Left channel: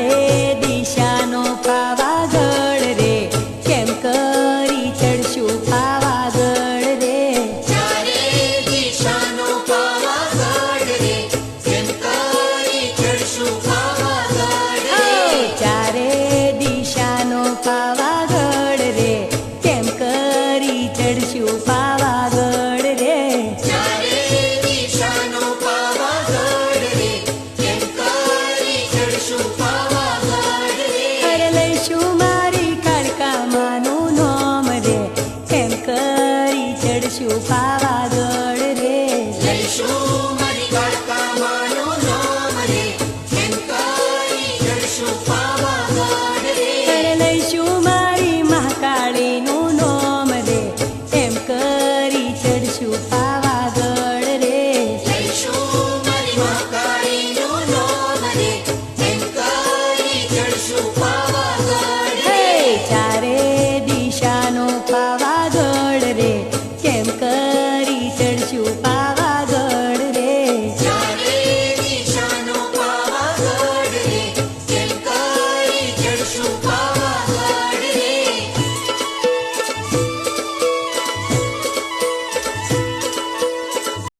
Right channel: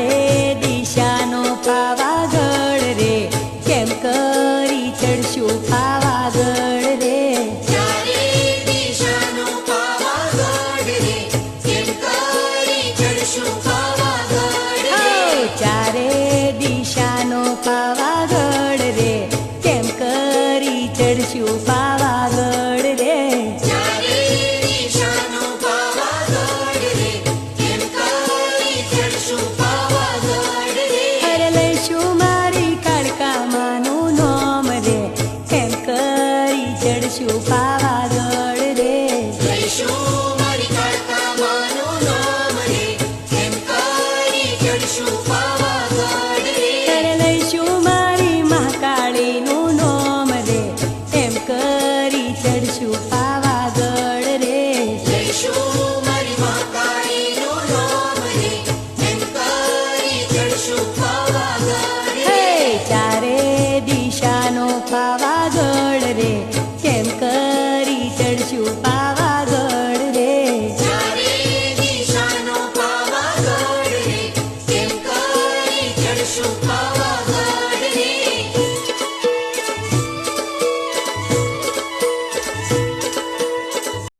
ચારે દિશાનો પાવાગઢ રે, કેમ કરી ચડશું પાવાગઢ રે. ચારે દિશાનો પાવાગઢ રે, કેમ કરી ચડશું પાવાગઢ રે. ચારે દિશાનો પાવાગઢ રે, કેમ કરી ચડશું પાવાગઢ રે. ચારે દિશાનો પાવાગઢ રે, કેમ કરી ચડશું પાવાગઢ રે. હર લઈશું મારી કાળકામાનું નામ રે, કેમ કરી ચડશું પાવાગઢ રે. લઈશું મારી કાળકામાનું નામ રે, કેમ કરી ચડશું પાવાગઢ રે. હર લઈશું મારી મહાકાળીનું નામ રે, એમ કરી ચડશું પાવાગઢ રે. લઈશું મારી મહાકાળીનું નામ રે, કેમ કરી ચડશું પાવાગઢ રે. ચારે દિશાનો પાવાગઢ રે, કેમ કરી ચડશું